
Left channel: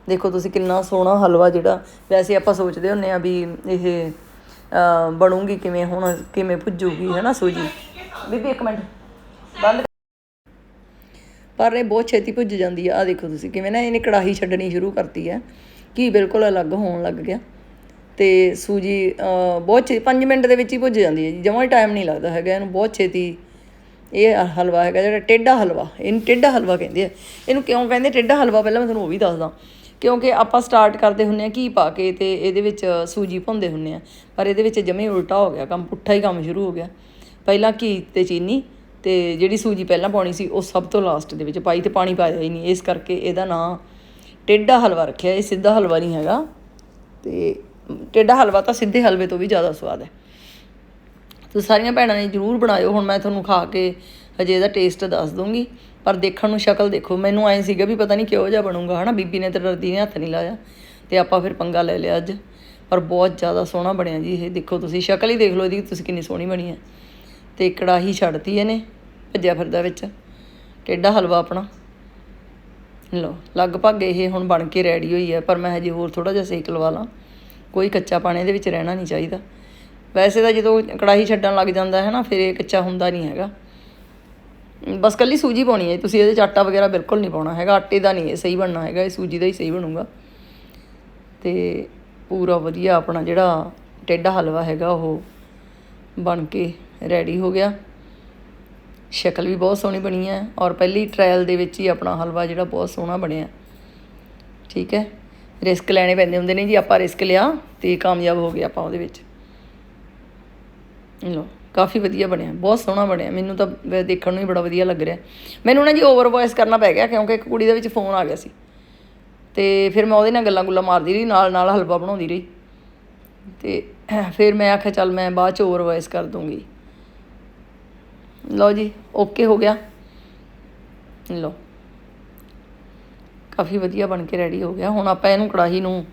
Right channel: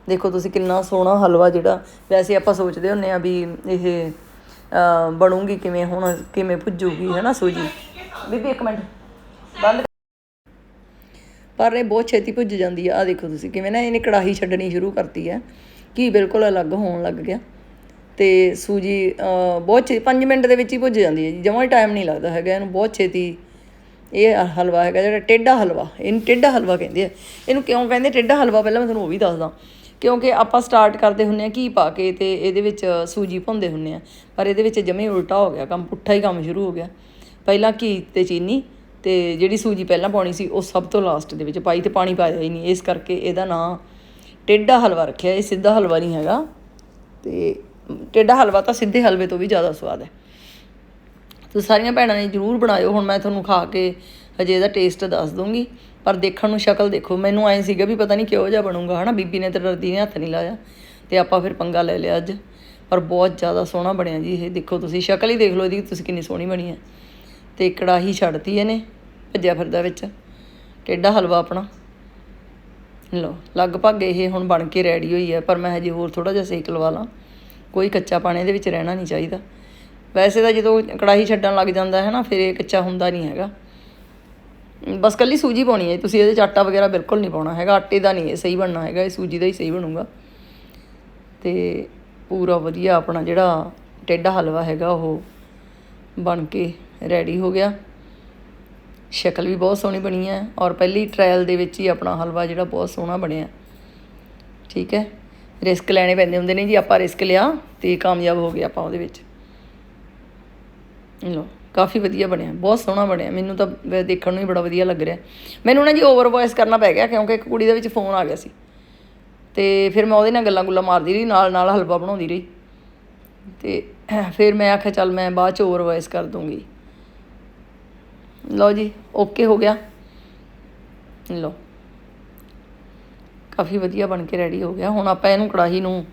ਦੇਖੋ ਤੁਸੀਂ ਕਿੰਨਾ ਸੋਹਣਾ ਹਲਵਾ ਜਿਹੜਾ। ਵੈਸੇ ਆਪਾਂ ਸੋਚਦੇ ਹੁੰਨੇ ਆ ਵੀ ਇਹ ਬਣੂਗੀ ਕਿਵੇਂ, ਹੁਣ ਕਿਵੇਂ ਭੁੱਜੂਗੀ ਹੈ ਨਾ ਸੂਜੀ? ਬੀਬੀ, ਇੱਕ ਮਿੰਟ। ਬੰਦ ਪਰ ਇਹ ਬਹੁਤ ਛੇਤੀ ਭੁੱਜ ਜਾਂਦੀ ਆ। ਆ ਦੇਖੋ ਤੁਸੀਂ, ਕਿਵੇਂ ਨਾ ਇਹਨੇ ਕੜਾਹੀ ਛੱਡਣੀ ਸ਼ੁਰੂ ਕਰਤੀ ਹੈ ਘੀ ਬਿਲਕੁਲ ਅਲੱਗ ਹੋਣ ਲੱਗ ਗਿਆ। ਤੇ ਸੂਜੀ ਬਹੁਤ ਛੇ 5 ਮਿੰਟ ਦੇ ਵਿੱਚ ਹੀ ਭੁੱਜ ਜਾਂਦੀ ਹੈ ਜੀ। ਜਮਾਂ ਹੀ ਟਾਈਮ ਨਹੀਂ ਲੱਗਦਾ ਹੈਗਾ। ਇਹਨੂੰ ਬਹੁਤ ਛੇਤੀ ਇਹ ਹਲਵਾ ਹੈਗਾ ਜਿਹੜਾ ਟੇਢਾ ਹਲਵਾ। ਇਹਨੂੰ ਟੇਢਾ ਹਲਵਾ ਕਹਿੰਦੇ ਆ। ਇਹਨੂੰ ਕਿਉਂ ਕਹਿੰਦੇ? ਟੇਢਾ ਹਲਵਾ ਪਹਿਲਾਂ ਮੈਂ ਤੁਹਾਨੂੰ ਉਹ ਵੀ ਦੱਸਦਾ। ਕਿਉਂਕਿ ਆਪਾਂ ਸਟਾਰਟ ਕਰਦੇ ਹੁੰਨੇ ਆ ਘੀ ਪਾ ਕੇ ਤੇ ਇਹਦੇ ਵਿੱਚ ਸੂਜੀ ਭੁੰਦੇ ਹੁੰਨੇ ਆ ਪਰ ਇਹਦੇ ਵਿੱਚ ਜਮੇ ਉਲਟਾ ਹੋ ਗਿਆ। ਕੰਮ ਪੁੱਠਾ ਹੀ ਕੰਮ ਸ਼ੁਰੂ ਹੋ ਗਿਆ। ਪਹਿਲਾਂ ਘੀ ਅਤੇ ਚੀਨੀ ਅਤੇ ਜਿਹੜੀ ਸੂਜੀ ਪਹਿਲਾਂ ਪਾਉਣੀ ਸੀ, ਉਹ ਸਭ ਤੋਂ ਲਾਸਟ ਦੇ ਵਿੱਚ ਪਾਈ ਅਤੇ ਪਾਣੀ ਪਾਇਆ ਹੀ ਨਹੀਂ। ਇਸ ਕਰਕੇ ਇਹਦਾ ਨਾਂ ਟੇਢਾ ਹਲਵਾ ਰੱਖਿਆ। ਇਹ ਸਿੱਧਾ ਹਲਵਾ ਨਹੀਂ ਹੈਗਾ ਅਤੇ ਟੇਢਾ ਹਲਵਾ ਤਾਂ ਸਿੱਧੇ ਹਲਵੇ ਤੋਂ ਵੀ ਜ਼ਿਆਦਾ ਸਵਾਦ ਹੈ। ਤੁਸੀਂ ਸਾਰੀਆਂ ਭੈਣਾਂ ਨੇ ਜਰੂਰ ਬਣਾਇਓ। ਹੁਣ ਮੈਂ ਤੁਹਾਨੂੰ ਖਾ ਕੇ ਹਜੇ ਇਹਦਾ ਟੇਸਟ ਦੱਸ ਦੂੰਗੀ ਪਰ ਦੇਖਣ ਨੂੰ ਸ਼ਕਲ ਦੇਖੋ। ਮੈਨੂੰ ਐਂ ਸੀਗਾ ਵੀ ਪਤਾ ਨਹੀਂ ਕਿਹੋ ਜਿਹਾ ਬਣੂਗਾ, ਹਨਾ? ਬੀਬੀ ਨੇ ਤੇ ਡਰਦੀ ਨੇ ਹੱਥ ਨਹੀਂ ਲਾਇਆ। ਤੇ ਆਪਾਂ ਫਿਰ ਪੰਗਾ ਲੈ ਲਿਆ ਅੱਜ। ਪਰ ਬਹੁਤ ਜ਼ਿਆਦਾ ਸੋਹਣਾ ਬਣਿਆ ਜੀ ਇਹ। ਦੇਖੋ ਤੁਸੀਂ, ਸ਼ਕਲ ਹੀ ਦੇਖ ਲਓ ਇਹਦੀ, ਤੁਸੀਂ ਕਿੰਨੀ ਸੋਹਣੀ ਬਣੀ ਹੈ। ਤੇ ਕੜਾਹੀ ਛੱਡਤੀ ਇਹਨੇ ਭੱਜਿਆ ਫਿਰਦਾ ਵਿੱਚ। ਟੇਢਾ ਹਲਵਾ ਆਪਣਾ। ਲਓ, ਲਗਭਗ ਇਹ ਹੁਣ ਬਣ ਕੇ ਰੈਡੀ ਹੋਈ ਹੈ, ਪਰ ਮੈਂ ਹਜੇ ਹੋਰ ਥੋੜਾ ਜਿਹਾ ਸੇਕ ਲਵਾ ਲਾਂ। ਕੋਈ ਕੱਚਾ ਪਾਣੀ ਇਹਦੇ ਵਿੱਚ ਰਹਿਣਾ ਨਹੀਂ ਚਾਹੀਦਾ। ਵੈਸੇ ਤਾਂ ਜਦੋਂ ਕੜਾਹੀ ਛੱਡਣ ਲੱਗ ਜਾਂਦਾ ਹੈ ਨਾ, ਫਿਰ ਇਹ ਕੱਚਾ ਹੁੰਦਾ ਨਹੀਂ ਹੈਗਾ। ਬਸ ਕੱਲੀ ਸੂਜੀ ਪਾਉਣੀ ਹੈ ਤੁਸੀਂ ਇਹਦੇ ਚ ਆਟਾ ਵਗੈਰਾ ਬਿਲਕੁਲ ਨਹੀਂ ਪਾਉਣਾ ਹੈਗਾ। ਆਟੇ ਦਾ ਨਹੀਂ, ਇਹ ਸਹੀ ਬਣਨਾ ਹੈਗਾ। ਇਹ ਸੂਜੀ ਦਾ ਹੀ ਸਹੀ ਬਣੂਗਾ। ਤੇ ਪੂਰਾ ਵਧੀਆ ਆਪਣਾ ਜਿਹੜਾ ਟੇਡਾ ਹਲਵਾ ਹੈਗਾ, ਉਹ ਬਣ ਕੇ ਰੈਡੀ ਹੋ ਗਿਆ। ਸ਼ਕਲ ਵੀ ਬਹੁਤ ਸੋਹਣੀ ਬਣੀ ਹੈ ਔਰ ਪਹਿਲੀ ਟ੍ਰਾਇਲ ਦੇ ਵਿੱਚ ਹੀ ਆਪਣਾ ਹਲਵਾ ਜਿਹੜਾ ਬਹੁਤ ਸੋਹਣਾ ਬਣਿਆ। ਠੀਕ ਹੈ? ਰਿਸਕ ਲੈਣੇ ਪੈਂਦੇ ਹੁੰਦੇ ਨੇ ਜੀ, ਆਪਾਂ ਰਿਸਕ ਲਿਆ ਤੇ ਕਾਮਯਾਬ ਹੋ ਗਿਆ ਆਪਾਂ ਉਹਦੇ ਵਿੱਚ। ਲੋ ਕਾਫੀ ਵਧੀਆ ਬਣਿਆ, ਬਹੁਤ ਸੋਹਣਾ ਬਣਿਆ। ਮੈਨੂੰ ਤਾਂ ਦੇਖਣ ਨੂੰ ਹੀ ਬੜਾ ਵਧੀਆ ਲੱਗ ਰਿਹਾ। ਮੈਨੂੰ ਨਾ ਜੀ ਓਵਰ ਵੌਇਸ ਕਰਨਾ ਪੈ ਗਿਆ ਕਿਉਂਕਿ ਇੱਕ ਕੁੜੀ ਦੇ ਵਿੱਚ ਫੋਨ ਆ ਗਿਆ ਸੀ। ਤੇ ਫਿਰ ਮੈਂ ਉਹਦੇ ਨਾਲ ਗੱਲਾਂ ਗੁੱਲਾਂ ਮਾਰਦੀ ਰਹੀ, ਨਾਲ ਨਾਲ ਹਲਵਾ ਬਣਾਉਂਦੀ ਰਹੀ। ਤੇ ਫਿਰ ਮੈਂ ਆਖਿਆ, ਚੱਲ ਮੈਂ ਬਾਅਦ ਚ ਓਵਰ ਵੌਇਸ ਕਰ ਦੂੰਗੀ। ਲਓ ਜੀ ਓਕੇ ਹੋ ਗਿਆ। ਲਓ। ਕਾਫੀ ਵਧੀਆ ਬਣ ਕੇ ਰੈਡੀ ਹੋ ਗਿਆ। ਹੁਣ ਆਪਾਂ ਇਹਨੂੰ ਕੜਾਹੀ ਨੂੰ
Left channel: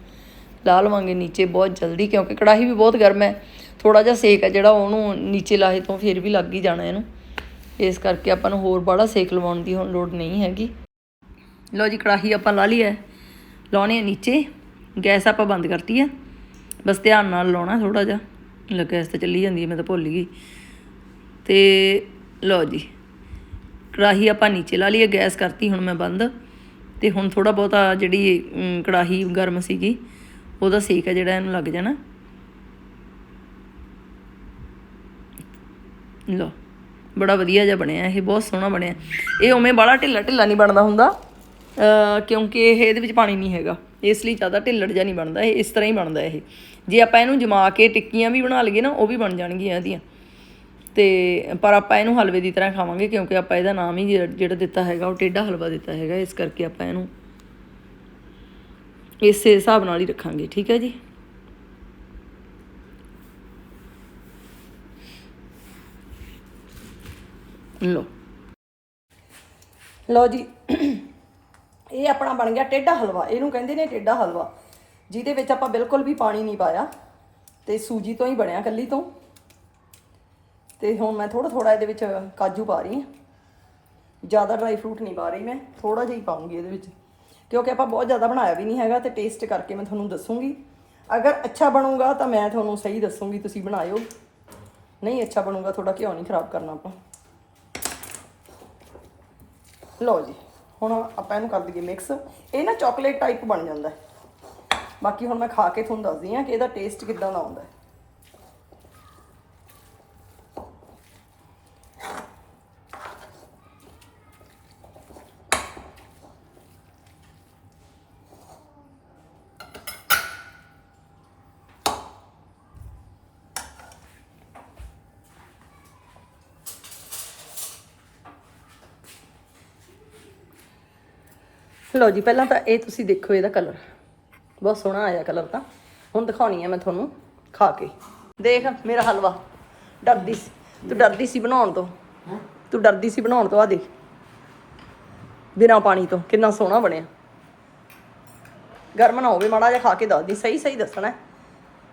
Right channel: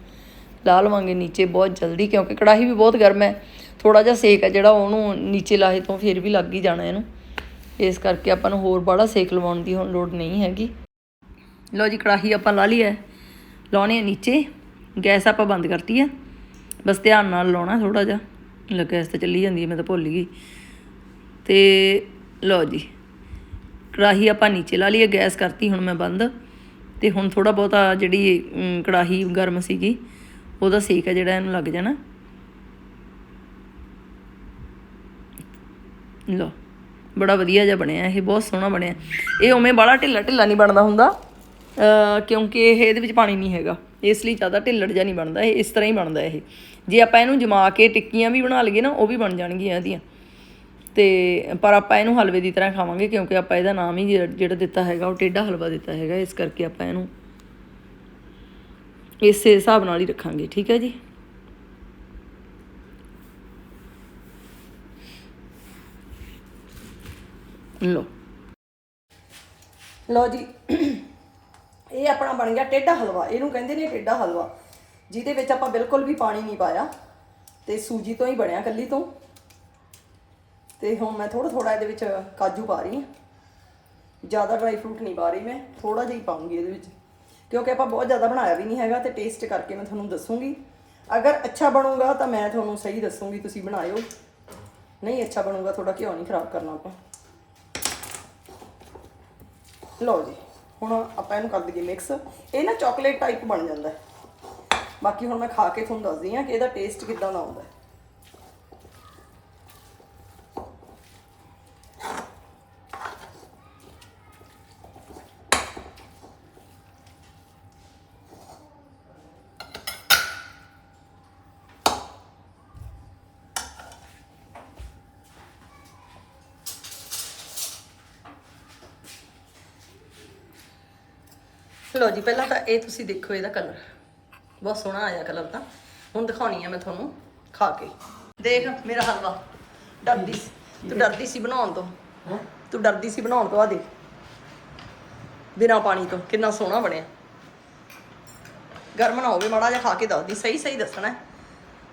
ਲਾ ਲਵਾਂਗੇ ਨੀਚੇ ਬਹੁਤ ਜਲਦੀ, ਕਿਉਂਕਿ ਕੜਾਹੀ ਵੀ ਬਹੁਤ ਗਰਮ ਹੈ। ਥੋੜਾ ਜਿਹਾ ਸੇਕ ਹੈ ਜਿਹੜਾ, ਉਹਨੂੰ ਨੀਚੇ ਲਾਹੇ ਤੋਂ ਫਿਰ ਵੀ ਲੱਗ ਹੀ ਜਾਣਾ ਇਹਨੂੰ। ਇਸ ਕਰਕੇ ਆਪਾਂ ਨੂੰ ਹੋਰ ਬੜਾ ਸੇਕ ਲਵਾਉਣ ਦੀ ਹੁਣ ਲੋੜ ਨਹੀਂ ਹੈਗੀ। ਲਓ ਜੀ, ਕੜਾਹੀ ਆਪਾਂ ਲਾ ਲਈ ਹੈ। ਲਾਉਣੀ ਹੈ ਨੀਚੇ। ਗੈਸ ਆਪਾਂ ਬੰਦ ਕਰਤੀ ਹੈ। ਬਸ ਧਿਆਨ ਨਾਲ ਲਾਉਣਾ ਥੋੜਾ ਜਿਹਾ। ਲੈ ਗੈਸ ਤਾਂ ਚੱਲੀ ਜਾਂਦੀ ਹੈ, ਮੈਂ ਤਾਂ ਭੁੱਲ ਗਈ। ਤੇ ਲਓ ਜੀ। ਕੜਾਹੀ ਆਪਾਂ ਨੀਚੇ ਲਾ ਲਈ ਗੈਸ ਕਰਤੀ, ਹੁਣ ਮੈਂ ਬੰਦ। ਤੇ ਹੁਣ ਥੋੜਾ ਬਹੁਤਾ ਜਿਹੜੀ ਕੜਾਹੀ ਗਰਮ ਸੀਗੀ, ਉਹਦਾ ਸੇਕ ਹੈ ਜਿਹੜਾ ਇਹਨੂੰ ਲੱਗ ਜਾਣਾ। ਲਓ, ਬੜਾ ਵਧੀਆ ਜਿਹਾ ਬਣਿਆ, ਇਹ ਬਹੁਤ ਸੋਹਣਾ ਬਣਿਆ। ਇਹ ਉਵੇਂ ਬੜਾ ਢਿੱਲਾ ਢਿੱਲਾ ਨਹੀਂ ਬਣਦਾ ਹੁੰਦਾ ਕਿਉਂਕਿ ਇਹ ਇਹਦੇ ਵਿੱਚ ਪਾਣੀ ਨਹੀਂ ਹੈਗਾ। ਇਸ ਲਈ ਜ਼ਿਆਦਾ ਢਿੱਲੜ ਜਿਹਾ ਨਹੀਂ ਬਣਦਾ, ਇਹ ਇਸ ਤਰ੍ਹਾਂ ਹੀ ਬਣਦਾ ਇਹ। ਜੇ ਆਪਾਂ ਇਹਨੂੰ ਜਮਾ ਕੇ ਟਿੱਕੀਆਂ ਵੀ ਬਣਾ ਲਈਏ ਨਾ, ਉਹ ਵੀ ਬਣ ਜਾਣਗੀਆਂ ਇਹਦੀਆਂ। ਤੇ ਪਰ ਆਪਾਂ ਇਹਨੂੰ ਹਲਵੇ ਦੀ ਤਰ੍ਹਾਂ ਖਾਵਾਂਗੇ ਕਿਉਂਕਿ ਆਪਾਂ ਇਹਦਾ ਨਾਮ ਹੀ ਜਿਹੜਾ ਦਿੱਤਾ ਹੈਗਾ, ਉਹ ਟੇਢਾ ਹਲਵਾ ਦਿੱਤਾ ਹੈਗਾ, ਇਸ ਕਰਕੇ ਆਪਾਂ ਇਹਨੂੰ ਇਸੇ ਹਿਸਾਬ ਨਾਲ ਹੀ ਰੱਖਾਂਗੇ, ਠੀਕ ਹੈ ਜੀ? ਲੋ ਲੋ ਜੀ, ਇਹ ਆਪਣਾ ਬਣ ਗਿਆ ਟੇਢਾ ਹਲਵਾ, ਇਹਨੂੰ ਕਹਿੰਦੇ ਨੇ ਟੇਢਾ ਹਲਵਾ, ਜਿਹਦੇ ਵਿੱਚ ਆਪਾਂ ਬਿਲਕੁਲ ਵੀ ਪਾਣੀ ਨਹੀਂ ਪਾਇਆ ਤੇ ਸੂਜੀ ਤੋਂ ਹੀ ਬਣਿਆ ਕੱਲੀ ਤੋਂ। ਤੇ ਹੁਣ ਮੈਂ ਥੋੜਾ ਥੋੜਾ ਇਹਦੇ ਵਿੱਚ ਕਾਜੂ ਪਾ ਰਹੀ ਹਾਂ। ਜ਼ਿਆਦਾ ਡਰਾਈ ਫਰੂਟ ਨਹੀਂ ਪਾ ਰਹੀ ਮੈਂ ਥੋੜਾ ਜਿਹਾ ਹੀ ਪਾਉਂਗੀ ਇਹਦੇ ਵਿੱਚ। ਕਿਉਂਕਿ ਆਪਾਂ ਬਹੁਤ ਜ਼ਿਆਦਾ ਬਣਾਇਆ ਵੀ ਨਹੀਂ ਹੈਗਾ ਤੇ ਟੇਸਟ ਕਰਕੇ ਮੈਂ ਤੁਹਾਨੂੰ ਦੱਸੂਗੀ। ਅਗਰ ਅੱਛਾ ਬਣੂਗਾ ਤਾਂ ਮੈਂ ਤੁਹਾਨੂੰ ਸਹੀ ਦੱਸੂਗੀ, ਤੁਸੀਂ ਬਣਾਇਓ। ਨਹੀਂ ਅੱਛਾ ਬਣੂਗਾ ਥੋੜਾ ਘਿਓ ਨਹੀਂ ਖਰਾਬ ਕਰਨਾ ਆਪਾਂ। ਲਓ ਜੀ, ਹੁਣ ਆਪਾਂ ਇਹਨੂੰ ਕਰ ਦਈਏ ਮਿਕਸ ਇਹ ਨਾ ਚਾਕਲੇਟ ਟਾਈਪ ਬਣ ਜਾਂਦਾ। ਬਾਕੀ ਹੁਣ ਮੈਂ ਖਾ ਕੇ ਤੁਹਾਨੂੰ ਦੱਸਦੀ ਹਾਂ ਕਿ ਇਹਦਾ ਟੇਸਟ ਕਿੱਦਾਂ ਦਾ ਆਉਂਦਾ ਲਓ ਜੀ ਪਹਿਲਾਂ ਤਾਂ ਇਹ ਤੁਸੀਂ ਦੇਖੋ ਇਹਦਾ ਕਲਰ ਬਹੁਤ ਸੋਹਣਾ ਆਇਆ ਕਲਰ ਤਾਂ। ਹੁਣ ਦਿਖਾਉਣੀ ਆ ਮੈਂ ਤੁਹਾਨੂੰ ਖਾ ਕੇ। ਦੇਖ ਮੇਰਾ ਹਲਵਾ। ਡਰਦੀ ਸੀ। ਤੂੰ ਡਰਦੀ ਸੀ ਬਣਾਉਣ ਤੋਂ। ਤੂੰ ਡਰਦੀ ਸੀ ਬਣਾਉਣ ਤੋਂ ਆ ਦੇਖ। ਬਿਨਾਂ ਪਾਣੀ ਤੋਂ ਕਿੰਨਾ ਸੋਹਣਾ ਬਣਿਆ। ਗਰਮ ਨਾ ਹੋਵੇ ਮਾੜਾ ਜਿਹਾ ਖਾ ਕੇ ਦੱਸਦੀ ਸਹੀ ਸਹੀ ਦੱਸਣਾ। ਹੈ।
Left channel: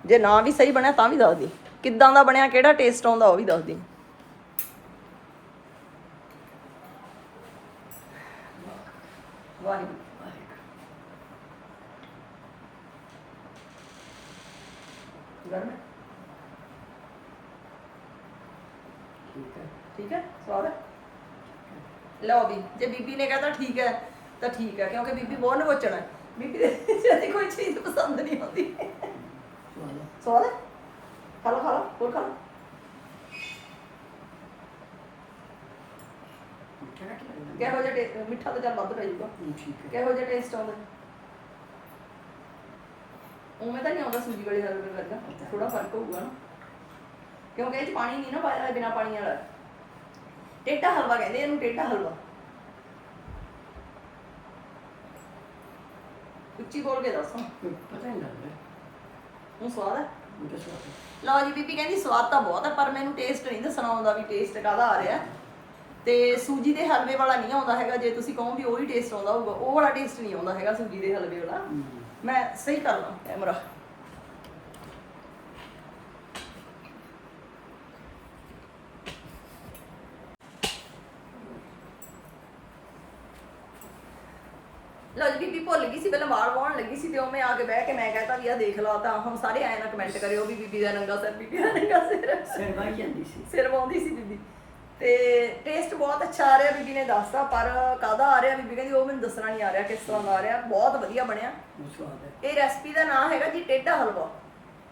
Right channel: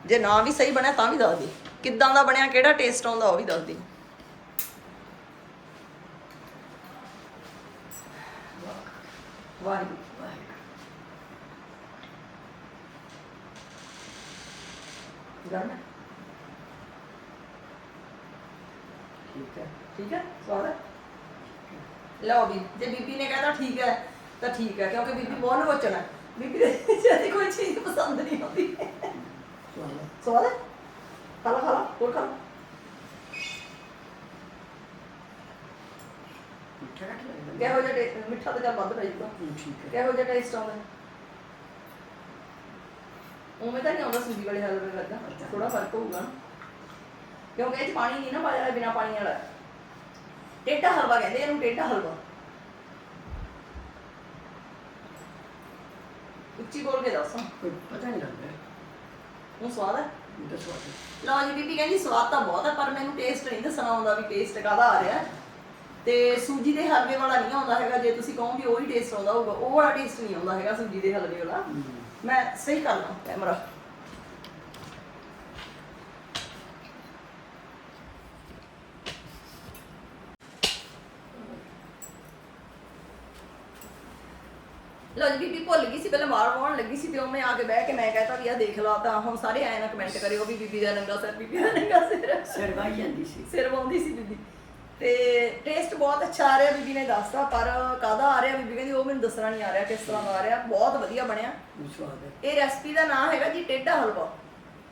ਜੇ ਨਾ ਵੀ ਸਹੀ ਬਣਿਆ ਤਾਂ ਵੀ ਦੱਸਦੀ ਕਿੱਦਾਂ ਦਾ ਬਣਿਆ ਕਿਹੜਾ ਟੇਸਟ ਆਉਂਦਾ ਉਹ ਵੀ ਦੱਸਦੀ ਵਾਹਿਗੁਰੂ ਗਰਮ ਹੈ ਠੀਕ ਹੈ ਠੀਕ ਹੈ ਸਵਾਦ ਹੈ ਲਓ ਵੀ ਜੇ ਬੀਬੀ ਨੇ ਕਹਤਾ ਠੀਕ ਹੈ ਤਾਂ ਠੀਕ ਹੈ ਕਿਉਂਕਿ ਬੀਬੀ ਬਹੁਤ ਨਵਚਣਾ ਹੈ ਬੀਬੀ ਦੇ ਜਿਹੜੀ ਕੋਈ ਚੀਜ਼ ਪਸੰਦ ਨਹੀਂ ਆਉਂਦੀ ਸਵਾਦ ਹੈ ਖਾ ਲਾ ਖਾ ਲਾ ਹੋਰ ਖਾ ਲਾ। ਕਿਹੋ ਜਿਹਾ ਟੇ- ਮਿੱਠਾ ਤਾਂ ਚੱਲ ਵੱਧ ਪੈ ਜਾਊਗਾ। ਕਿਹੋ ਜਿਹਾ ਟੇਸਟ ਆਉਂਦਾ ਉਵੇਂ ਤਾਂ ਨਹੀਂ ਆਉਂਦਾ ਸੂਜੀ ਵਾਲੇ ਹਲਵੇ ਵਰਗਾ ਥੋੜਾ ਫ਼ਰਕ ਹੋਊਗਾ। ਕਿਉਂਕਿ ਇਹ ਚ ਪਾਣੀ ਨਹੀਂ ਨਾ ਪਾਇਆ ਬਿਨਾ ਪਾਣੀ ਵਾਲਾ। ਟੇਢਾ ਹਲਵਾ ਕਹਿੰਦੇ ਇਹਨੂੰ ਟੇਢਾ ਹਲਵਾ। ਉੱਚੀ ਬੋਲ ਕੇ ਦੱਸ। ਪਤਾ ਨਹੀਂ ਲੱਗ ਰਿਹਾ ਹੁਣ ਸਵਾਦ ਹੈ ਮੈਨੂੰ। ਲਓ ਜੀ ਬੀਬੀ ਕਹਿੰਦੀ ਸਵਾਦ ਤਾਂ ਬਹੁਤ ਹੈ ਪਰ ਮੈਨੂੰ ਟੇਸਟ ਨਹੀਂ ਦੱਸਣਾ ਆਉਂਦਾ ਵੀ ਟੇਸਟ ਕਾਹਦਾ ਆ ਰਿਹਾ। ਤੇ ਸੂਜੀ ਦੇ ਹਲਵੇ ਵਾਲਾ ਨਹੀਂ ਆਉਂਦਾ ਹੈਗਾ ਜੇ ਤੁਸੀਂ ਕਹੋ ਵੀ ਉਹੀ ਟੇਸਟ ਆਉਂਦਾ ਹੋਊਗਾ ਉਹ ਵਾਲਾ ਟੇਸਟ ਨਹੀਂ ਆਉਂਦਾ ਹੈਗਾ ਸੂਜੀ ਦੇ ਹਲਵੇ ਵਾਲਾ। ਮੈਂ ਸਹੀ ਕਰ ਲਾਂ ਕੈਮਰਾ। ਜੀ ਬੀਬੀ ਭੁੱਲ ਗਈ ਸੀ ਪਹਿਲਾਂ ਮਾਰ ਵਾਉਣ ਲੱਗੀ ਸੀ ਤੇ ਉਹ ਮੈਂ ਆ ਕੇ ਬਹਿ ਕੇ ਮੈਂ ਕਹਤਾ ਵੀ ਆ ਦੇਖ ਲਓ ਤਾਂ ਹੁਣ ਸਾਰੇ ਆਏ ਨਾ ਕਮੈਂਟ ਕਰਿਓ ਵੀ ਬੀਬੀ ਦਾ ਨੰਗਾ ਸਿਰ ਬੀਬੀ ਦਾ ਨੰਗਾ ਸਿਰ। ਸਿਰ ਵਾਈ ਜਾਂਦੀ ਸੀ। ਸਿਰ ਵਾਉਂਦੀ ਸੀ ਬੀਬੀ। ਤੇ ਟੇਸਟ ਬਹੁਤ ਅੱਛਾ ਆ ਰਿਹਾ ਬੀਬੀ ਨੇ ਦੱਸਤਾ ਪਰ ਕਾਹਦਾ ਆ ਰਿਹਾ ਬੀਬੀ ਕਹਿੰਦੀ ਉਹ ਮੈਨੂੰ ਦੱਸਣਾ ਨਹੀਂ ਆ ਰਿਹਾ ਕਿਸ ਤਰ੍ਹਾਂ ਦਾ ਆ ਰਿਹਾ। ਬਹੁਤ ਵਧੀਆ ਬਣਿਆ। ਬਹੁਤ ਸਵਾਦ ਹੈ। ਇਹ ਰੈਸਪੀ ਦਾ ਨਾਮ ਹੈਗਾ ਜੀ ਟੇਢਾ ਹਲਵਾ।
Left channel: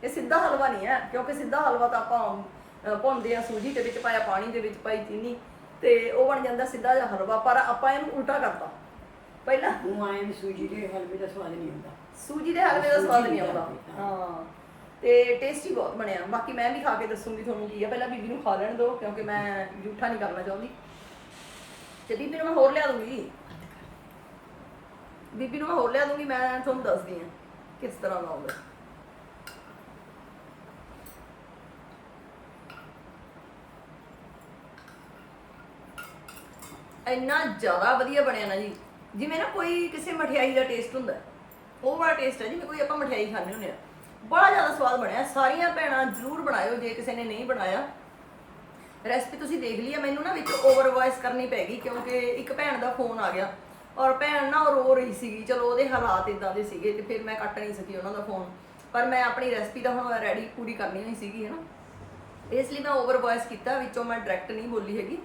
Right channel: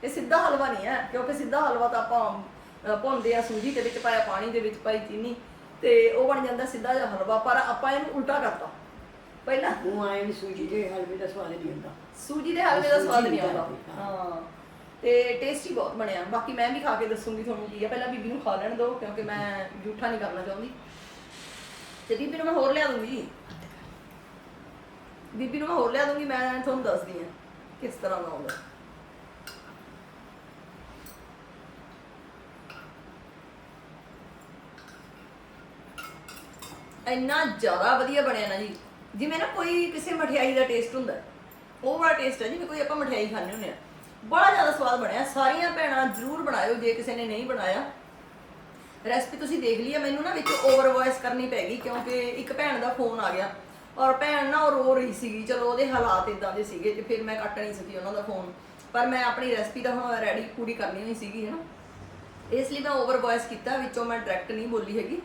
ਇਹ ਸਿੱਧਾ ਹਲਵਾ ਨਹੀਂ ਹੈ ਕਿਉਂਕਿ ਸਿੱਧਾ ਹਲਵਾ ਤਾਂ ਆਪਾਂ ਅਹ, ਭੁੰਨਦੇ ਆ ਸੂਜੀ ਦੇ ਵਿੱਚ ਪਾਇਆ ਪਾਣੀ ਦੇ ਵਿੱਚ ਪਾਈ ਚੀਨੀ ਤੇ ਉਹ ਬਣ ਜਾਂਦਾ ਸਿੱਧਾ ਜਿਹਾ ਹਲਵਾ। ਪਰ ਆਪਾਂ ਇਹਨੂੰ ਉਲਟਾ ਕਰਤਾ। ਪਹਿਲਾਂ ਉਹ ਆਏ ਵੀ ਸੂਜੀ ਦੇ ਹਲਵੇ ਦਾ ਸਵਾਦ ਨਹੀਂ ਹੁੰਦਾ। ਸੂਜੀ ਦੇ ਹਲਵੇ ਦਾ ਸਵਾਦ ਨਹੀਂ ਆਉਂਦਾ। ਹਾਂ। ਤੇ ਟੇਸਟੀ ਬਹੁਤ ਬਣਿਆ। ਬਾਕੀ ਮੈਂ ਵੀ ਖਾ ਕੇ ਦੱਸੂਗੀ ਤੁਹਾਨੂੰ ਕੀ ਆ। ਪਹਿਲਾਂ ਬੀਬੀ ਨੂੰ ਖਾ ਲੈਣ ਦਿਓ, ਕਿਉਂਕਿ ਮੈਂ ਜੂਠਾ ਨਹੀਂ ਕਰਨਾ ਚਾਹੁੰਦੀ। ਤੇ ਬੀਬੀ ਨੂੰ ਮੈਂ ਹੋਰ ਲਿਆ ਦੂੰਗੀ। ਬੀਬੀ ਨੂੰ ਮੈਂ ਹੋਰ ਲਿਆ ਦੂੰਗੀ, ਮੈਂ ਤੁਹਾਨੂੰ ਦੱਸਦੀ ਆ ਕਿਸ ਤਰ੍ਹਾਂ ਦਾ ਆਉਂਦਾ। ਇੰਨਾ ਜ਼ਿਆਦਾ ਵਧੀਆ ਬਣਿਆ ਨਾ ਜੀ। ਜਿਵੇਂ ਨਾ ਕੋਈ ਕਿਸੇ ਮਠਿਆਈ ਦਾ ਟੇਸਟ ਹੁੰਦਾ। ਉਹ ਵਾਲਾ ਟੇਸਟ ਹੈ ਜਿਵੇਂ ਕੋਈ ਆਪਾਂ ਮਠਿਆਈ ਖਾਂਦੇ ਹੁੰਦੇ ਆ। ਬੜਾ ਜ਼ਿਆਦਾ ਸਵਾਦ ਬਣਿਆ। ਸਾਰੀਆਂ ਭੈਣਾਂ ਜ਼ਰੂਰ ਬਣਾਇਓ, ਜੇ ਕਿਸੇ ਨੇ ਨਹੀਂ ਬਣਾਇਆ। ਰੈਸਪੀ ਤੁਸੀਂ ਦੇਖ ਲਈ ਹੈ ਮੈਨੂੰ ਨਾ ਵਿੱਚ ਓਵਰ ਵੌਇਸ ਕਰਨੀ ਪੈ ਗਈ ਕਿਉਂਕਿ ਇੱਕ ਭੈਣ ਦਾ ਫੋਨ ਆ ਗਿਆ। ਔਰ ਭੈਣ ਨਾ ਉਹ ਰੋ ਰਹੀ ਸੀਗੀ, ਚਲੋ ਉਹਦੇ ਹਾਲਾਤ ਇਦਾਂ ਦੇ ਸੀਗੇ ਤੇ ਫਿਰ ਮੈਂ ਕੱਟ ਨਹੀਂ ਸਕੀ ਉਹਨਾਂ ਦਾ ਫੋਨ ਪਰ ਮੈਂ ਆਪਣੀ ਰੈਸਪੀ ਤਾਂ ਹੁਣ ਰੈਡੀ ਪੂਰੀ ਕਰਨੀ ਹੋਈ ਸੀਗੀ ਹੈ ਨਾ ਇਸ ਲਈ ਮੈਂ ਓਵਰ ਵੌਇਸ ਕੀਤਾ, ਵਿੱਚੋਂ ਮੈਂ ਡਾਇਰੈਕਟ ਨਹੀਂ ਬੋਲੀ ਹੈਗੀ।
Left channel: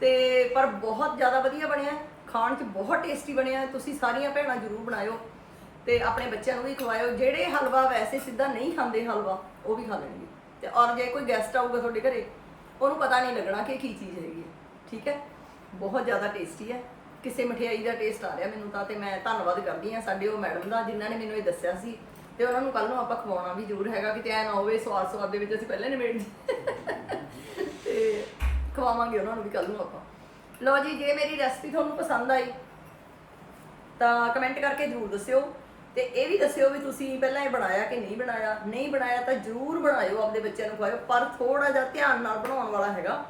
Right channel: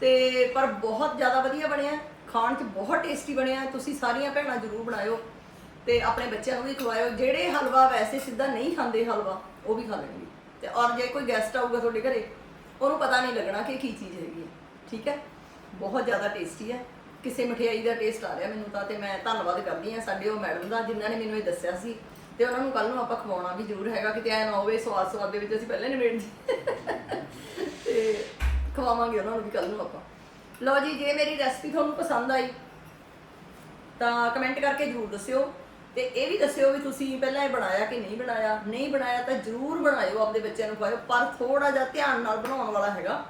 ਤੇ ਪਰ ਬਹੁਤ ਜ਼ਿਆਦਾ ਵਧੀਆ ਬਣਿਆ। ਖਾਣ 'ਚ ਬਹੁਤ ਟੇਸਟੀ ਬਣਿਆ। ਤੁਸੀਂ ਸਾਰੀਆਂ ਭੈਣਾਂ ਜ਼ਰੂਰ ਬਣਾਇਓ। ਤੇ ਆਪਣੇ ਬੱਚਿਆਂ ਨੂੰ ਵੀ ਖਵਾਇਓ। ਜਿਹੜੇ ਹਲਵਾ ਵੈਸੇ ਸਿੱਧਾ ਨਹੀਂ ਖਾਂਦੇ ਹਲਵਾ, ਉਹ ਵੀ ਖਾ ਲੈਣਗੇ। ਤੇ ਔਰ ਜੇ ਕੋਈ ਗੈਸਟ ਆਊਗਾ ਤੁਹਾਡੇ ਘਰੇ, ਉਹਨੂੰ ਪਤਾ ਨਹੀਂ ਲੱਗਣਾ ਕਿ ਕੀ ਚੀਜ਼ ਹੈਗੀ ਹੈ। ਠੀਕ ਹੈ? ਬਹੁਤ ਜ਼ਿਆਦਾ ਟੇਸਟੀ ਹੈ। ਕਿਸੇ ਮਠਿਆਈ ਦਾ ਟੇਸਟ ਆ ਰਿਹਾ ਮੈਨੂੰ ਤਾਂ, ਤੇ ਮੈਂ ਧੰਨਵਾਦ ਕਰਦੀ ਹਾਂ ਸਾਡੇ ਉਹ ਮੈਡਮ ਦਾ, ਜਿਨ੍ਹਾਂ ਨੇ ਮੈਨੂੰ ਇਹ ਦੱਸਿਆ ਸੀ। ਤੇ ਉਹਨਾਂ ਨੂੰ ਕੱਲ ਨੂੰ ਆਪਾਂ ਖਵਾਉਣਾ ਵੀ ਜ਼ਰੂਰ ਹੈਗਾ, ਕਿਤੇ ਐ ਨਾ ਹੋਵੇ ਸਵਾਦ ਸਵਾਦ ਦੇ ਵਿੱਚ ਅਸੀਂ ਪਹਿਲਾਂ ਨਿਬੇੜ ਤੇ ਖਵਾਵਾਂਗੇ ਉਹਨਾਂ ਨੂੰ ਵੀ ਕੱਲ ਨੂੰ ਆਪਾਂ। ਲਓ ਜੀ, ਜੇ ਮੇਰੀ ਰੈਸਪੀ ਤੁਹਾਨੂੰ ਪਸੰਦ ਆਈ, ਤਾਂ ਕਮੈਂਟ ਕਰਕੇ ਜਰੂਰ ਦੱਸਿਓ। ਤੇ ਇਹ ਵੀ ਦੱਸਿਓ ਵੀ ਤੁਸੀਂ ਪਹਿਲਾਂ ਇਹ ਬਣਾਇਆ ਕਿ ਨਹੀਂ ਬਣਾਇਆ? ਨਹੀਂ ਬਣਾਇਆ ਤਾਂ ਜਰੂਰ ਬਣਾਇਓ ਆਪਦੇ ਬੱਚਿਆਂ ਨੂੰ ਖਵਾਇਓ, ਪਰ ਥੋੜਾ ਜਿਹਾ ਧਿਆਨ ਨਾਲ ਬਣਾਉਣ ਵਾਲਾ ਹੈਗਾ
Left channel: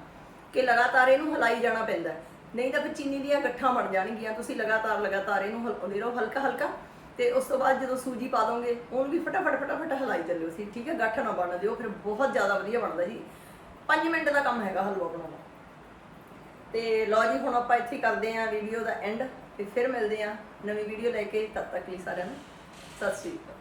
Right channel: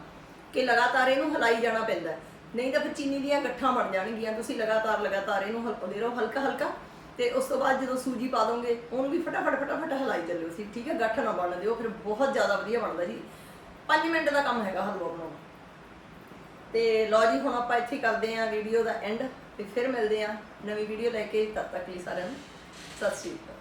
ਕਿ ਲਗਾਤਾਰ ਇਹਨੂੰ ਹਿਲਾਈ ਜਾਣਾ ਪੈਂਦਾ ਨਹੀਂ ਤਾਂ ਫਿਰ ਚੀਨੀ ਦੀਆਂ ਗੱਠਾਂ ਬਣ ਜਾਣਗੀਆਂ। ਤੁਸੀਂ ਲਗਾਤਾਰ ਲਗਾਤਾਰ ਇਹਨੂੰ ਹਲਾਉਂਦੇ ਰਹੋ ਹਲਕਾ ਹਲਕਾ ਤੇ ਉਸ ਤੋਂ ਬਾਅਦ ਜਦੋਂ ਸੂਜੀ ਪਾ ਦੋਗੇ, ਉਹਨੂੰ ਵੀ ਫਟਾਫਟ ਫਟਾਫਟ ਹਿਲਾਈ ਚੱਲਿਓ ਸੀ। ਠੀਕ ਹੈ, ਗੱਠ ਨਾ ਬਣ ਦਿਓ, ਫਿਰ ਬਹੁਤ ਜ਼ਿਆਦਾ ਵਧੀਆ ਬਣਦਾ ਜੀ 5 ਮਿੰਟ ਦਾ ਕੰਮ ਹੈਗਾ ਹਲਵਾ ਬਣਾਉਣਾ ਤੇ ਲਓ ਜੀ, ਹੁਣ ਆਪਾਂ ਇੱਥੇ ਕਰਦੇ ਆਂ ਵੀਡੀਓ ਦਾ ਐਂਡ ਤੇ ਫਿਰ ਮਿਲਦੇ ਆਂ ਨਵੀਂ ਵੀਡੀਓ ਲੈ ਕੇ। ਤਦ ਤੱਕ ਲਈ ਸਾਰਿਆਂ ਨੂੰ ਸਤਿ ਸ਼੍ਰੀ ਅਕਾਲ।